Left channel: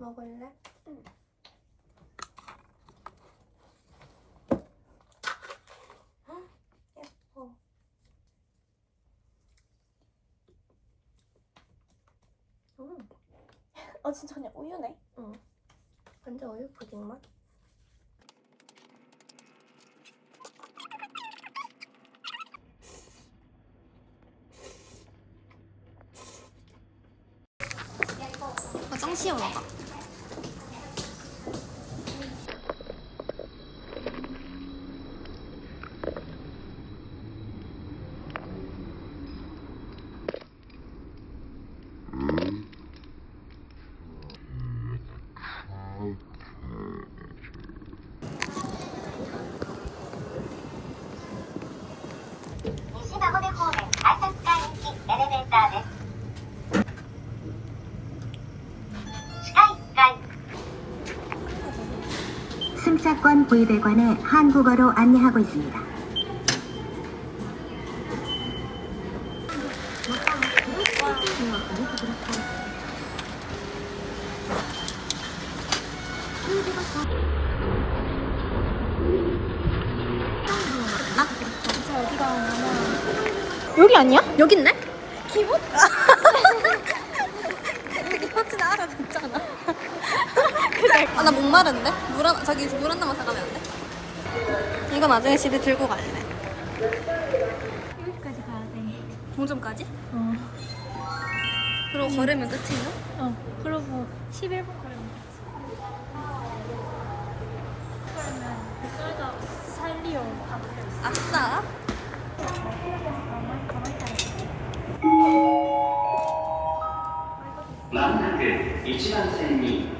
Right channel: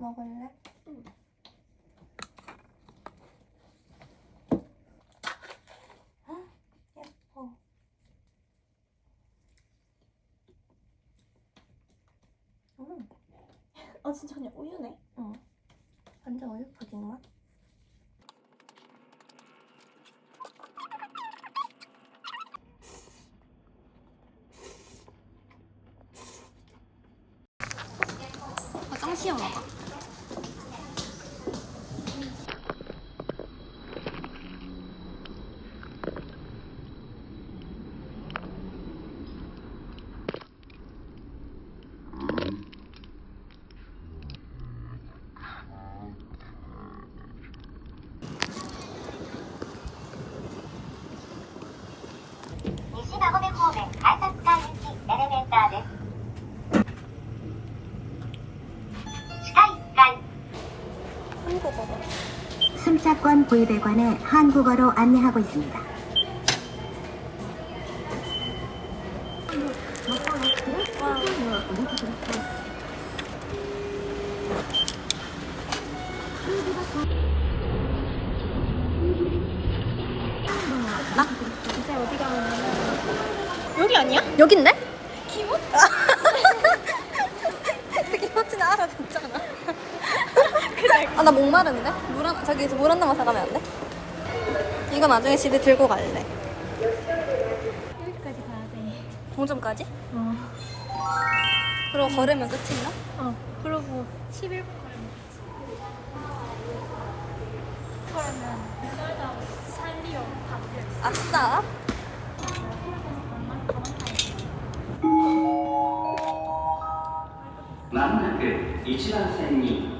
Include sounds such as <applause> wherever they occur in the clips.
먹을래? 헉, 예뻐. 음. 어 진짜 그냥 우유네. 응. 완전 우유 푸딩 맛. 아, 짱 시원하다. 승차권 구입에 한국어로 안내하고 있습니다. 여기 아니야? 여긴데? 기분? <laughs> 기분은 알아듣잖아. <laughs> 아, 나 목마른데? 물 한, 저기 물 한 나만 사가면 안 돼? 이거 나중에 집에 들고 갈래. 여기까지 가야 돼. 종점까지? 어. 그럼 고 음. 걸으면 끝인가? 어. 그러고 11분 걸리면 끝. 살리오 아싸. 만나그 이치선생님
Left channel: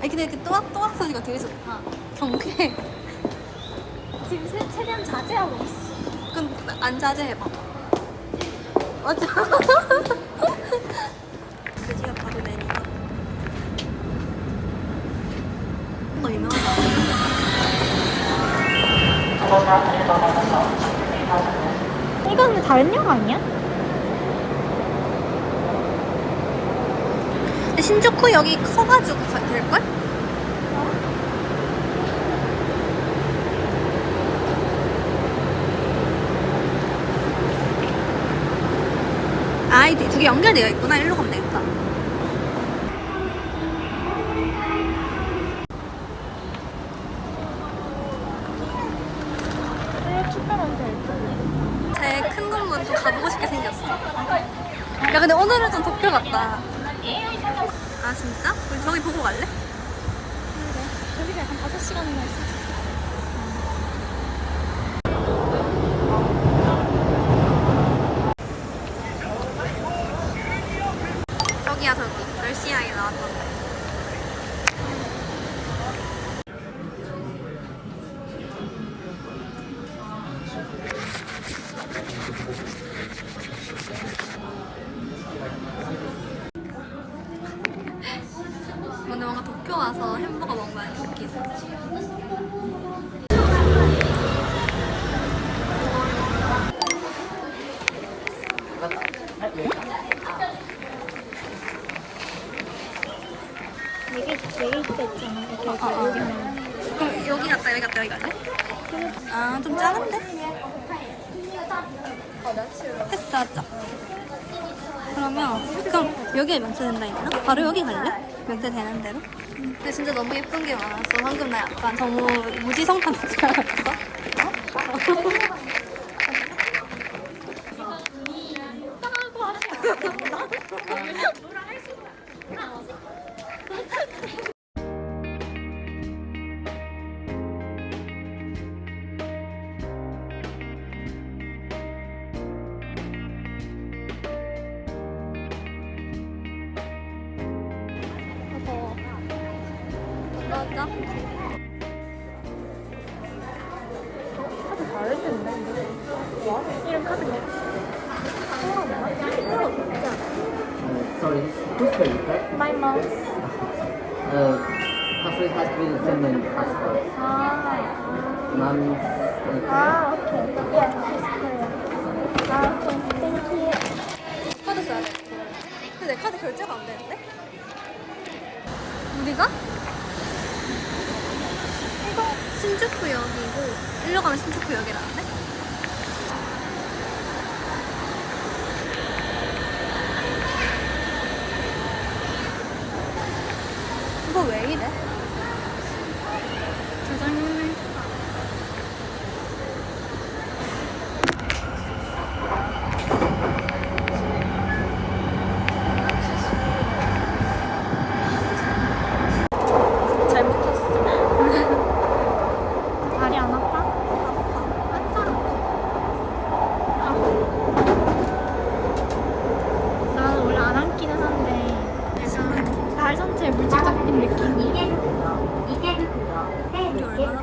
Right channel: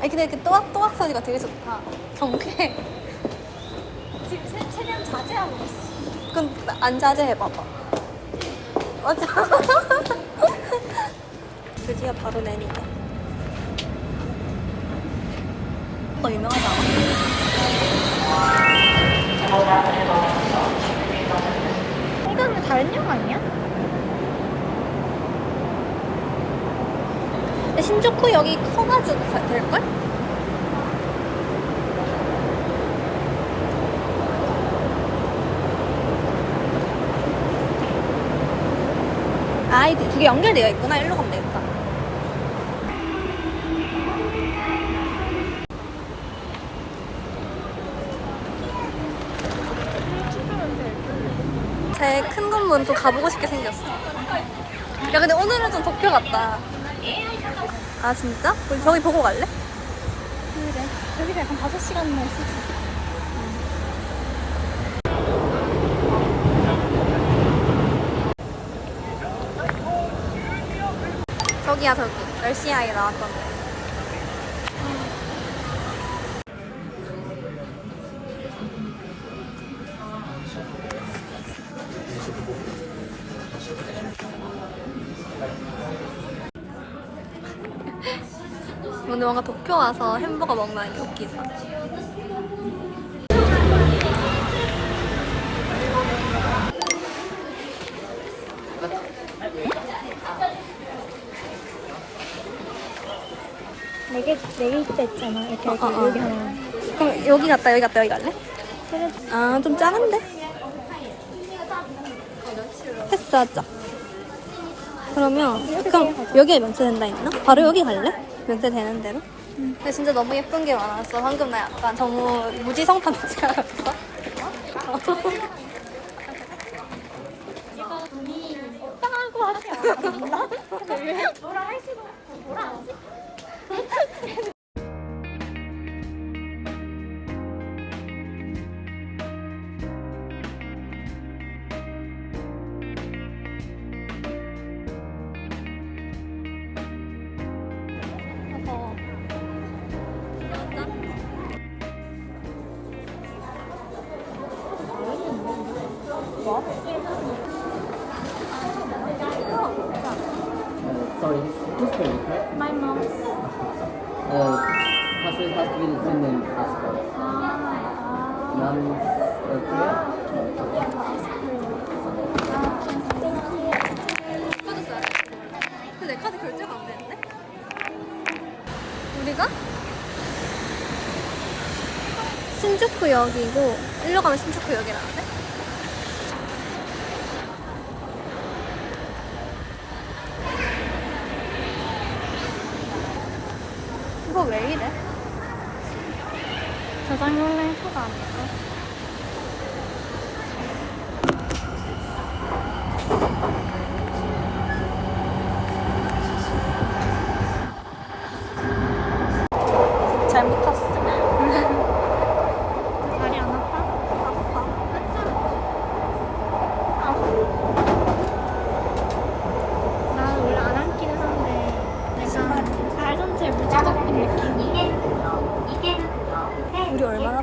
아니 근데 그 또각 또각 소리가 되게 좋다. 경쾌. 지금 세- 최대한 자제하고 있어. 그건 안 자제해봐봐. 맞아. <laughs> 드디어 바로 내니네. 더 유명하지 않아? 이건 다른 영 아니야? 신주쿠 여기 커가지고 가- 될걸? 아, 이게 두개 연결되어 있구나. 일로 가면 되겠다. 제 큰 건물은 좀 가보고 싶게 생겼어. 야, 근데 오늘은 좀 도쿄 같다. 아, 진짜? 우리 저기 보고 갈래? 여기서 약간 5시간이나 있을 수 있어. 저기야, 저기. 10시 아이 나왔던데. 햄버거 먹는 게 웃기다. 네개 네개 있잖아. 이렇게 어, 어, 어. 그럼 여기 갔다 여기 갔다 여기 갈래? 아, 좀 작은데? 패스하자. 그러면 그럼 여기에 면세된다 했나? 바로 여기 갈래? 면세되는 대로? 근데 진짜 너무 예쁜 게 많았어. 방금 나 약간 너무 무지성판 줄 알았어. 진짜? 뭐? 이런 카드 뭐? 어, 진짜. Sorry, who's the request? My mom. Uh, passport has to be the same name passport. 아, Mom's uh, 아, 오케이. 아, 땡큐. 카드 써야 돼. 근데 내 카드 결제가 안 되는데? 우리가? 신주쿠역이고 일로 가면 신주쿠역이라는데? 이거 왜 이래?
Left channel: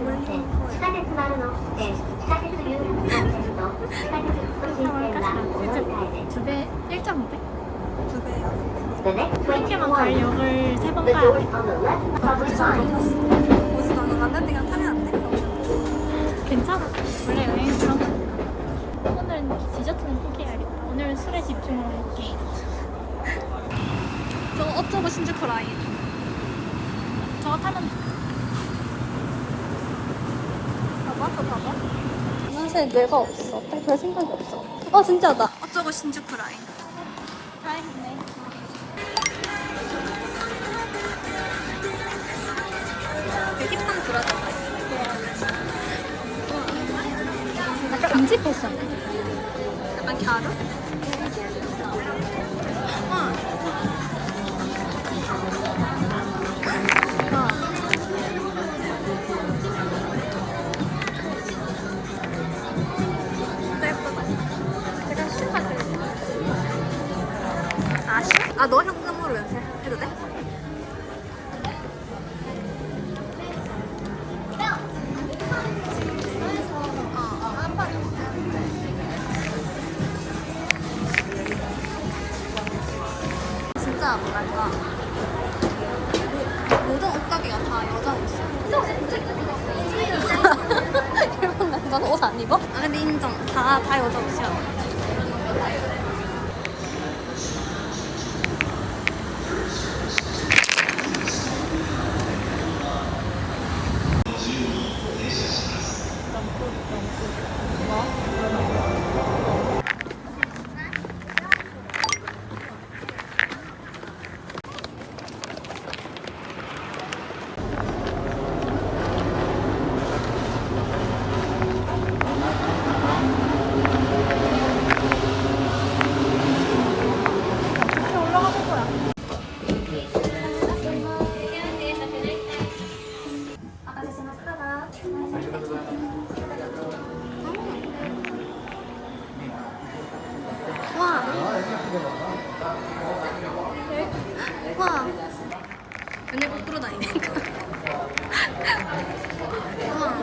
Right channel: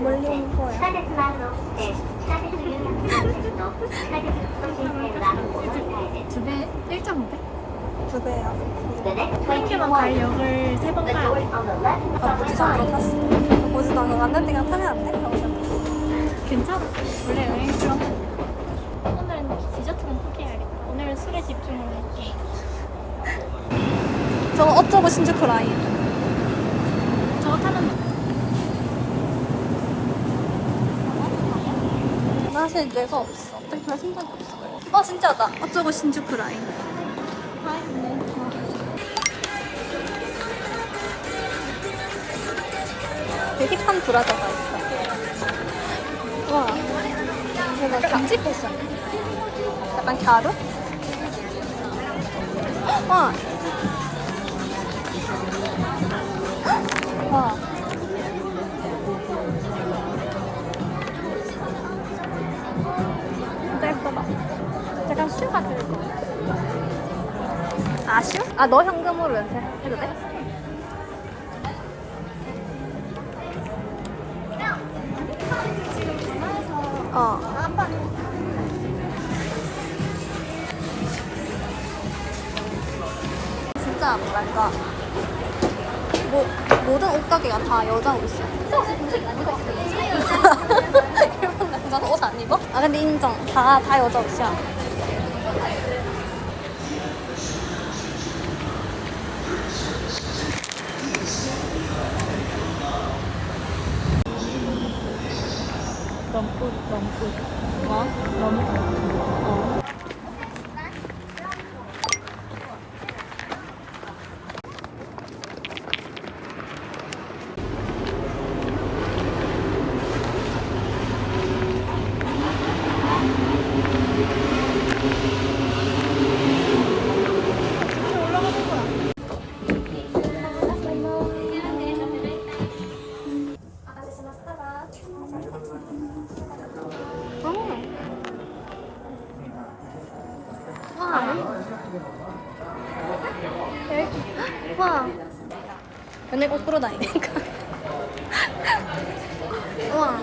멀리 온 거야. 두배 1.5배? 두 배요. 한 개만 갈 역을 세 번 가야 돼. 나 고지선으로 탔어. 고지선 그 맞는 데가 타면 안 돼? 괜찮아. 원래 여행 그런 거. 오늘은 디저트는 포기해야겠다. 오늘은 술에 집중을 할게. 저 어쩌고 신주쿠 라인. 저거 타면 돼. 사실 뇌가 없어. 딱별 생각이 없어. 어, 진짜다. 어쩌고 신주쿠 라인. 다행이네 되게 참 불안하다. 와. 금지 패션 약간 갸루? 와. 와. 아, 슈? 아, 너 현금으로 연세해도 돼? 어. 진짜 뭐랄까 뭐, 모든 옷가게가 다 여자 옷이야 일본 남자는 <laughs> 옷안 입어? 아 근데 인정 다, 다 여자 옷이야 와. 맨날 거꾸로 다니니까. 와.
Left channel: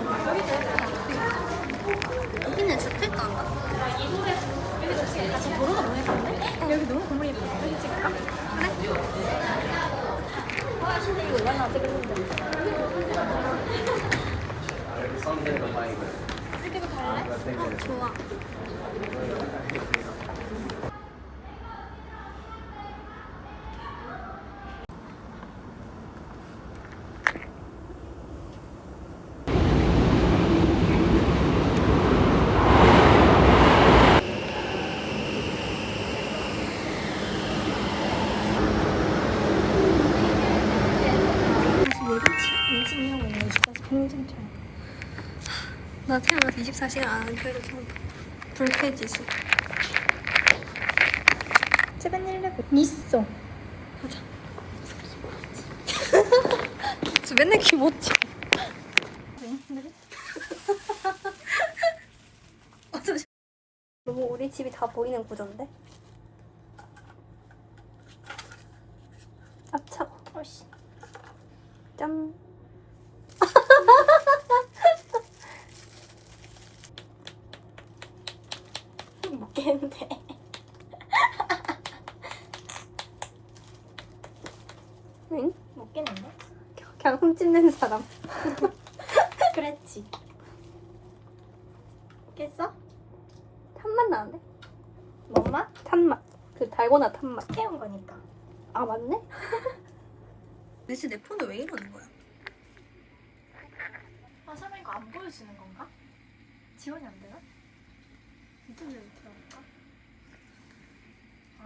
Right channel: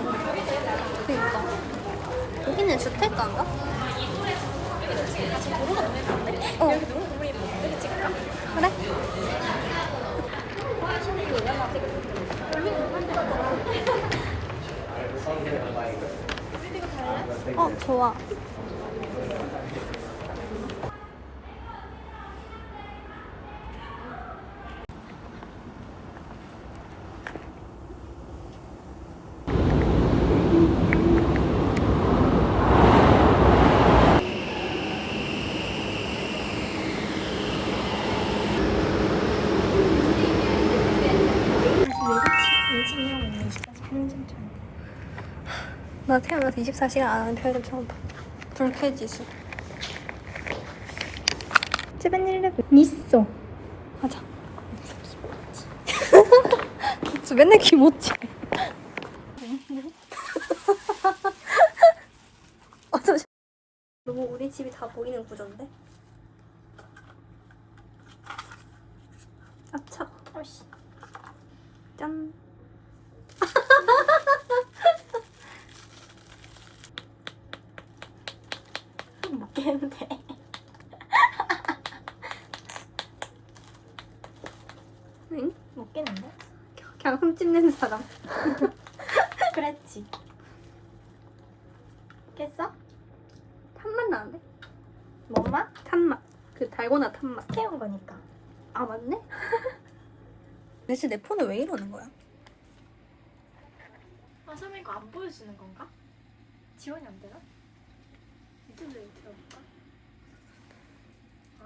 그니까. 여기는 주택가인가? 어. 여기 너무 너무 예뻐. 여기 찍을까? 그래. <laughs> 어, 좋아. 나 태어나서 24시간 안 하는 표를 처음 봐. 불쾌지수. 세븐일레븐 있어 하자. <laughs> 저 맨날. <laughs> 어, 잠시 너무 우리 집이 다 보이는 구조인데? 아, 차가. 짠. 먹겠는데. 응? 먹겠는데? 그냥 흠집낸 사람. <laughs> 그랬지. 깼어? 탄맛 나는데? 먹나? 탄맛. 그 달고나 탄맛. 깨운 거니까. 아 맞네? <laughs> 대체 내 폰은 왜 이러는 거야? 아, 설마 이거 안 보여주는 건가? 지원이 안 되나? 인터넷 들어볼까?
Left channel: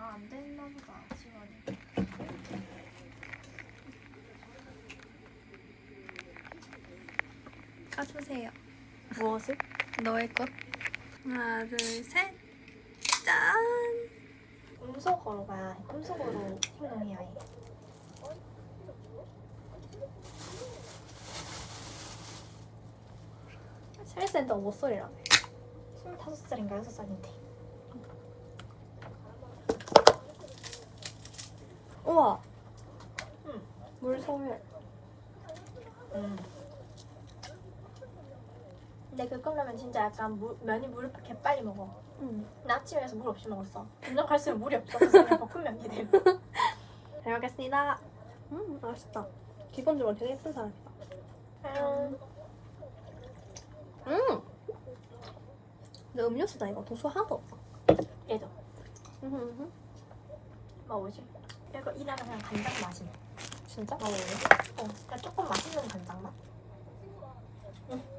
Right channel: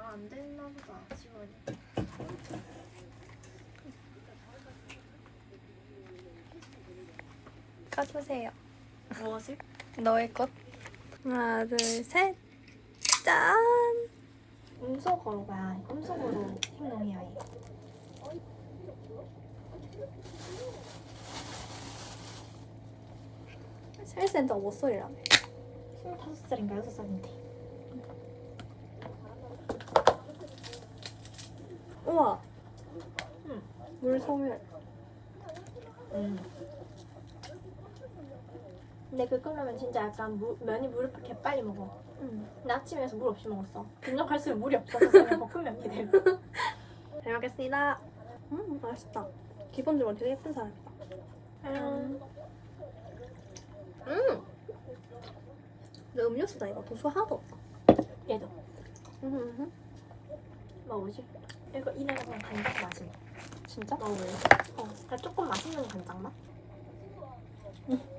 아, 안 됐나 보다, 지원이. 까주세요. 무엇을? 너의 것. 하나, 둘, 셋. 짠. 음소거가 음소거로 행동해야 해. 셀센터 못소리라며. 25살인가 6살인데. 우와. 응. 물 소멸. 음. 근데 그 컵라면 진짜 약간 물, 면이 물을 개 빨리 먹어. 응. 나 아침에서 물 없이 먹었어. 점점 갈수록 물이 없어서 볶음면이 되고. 잘 먹겠습니다. 음, 맛있다. 기본적으로 되게 예쁜 사람이다. 과연 음. 내 음료수다 이거 도수 하나도 없어. 얘도 음, 먹어보지. 이거 이 나라 그냥 간장 맛이. 진짜? 먹어볼래? 어. 그냥 조금 맛있는 간장 맛. 음.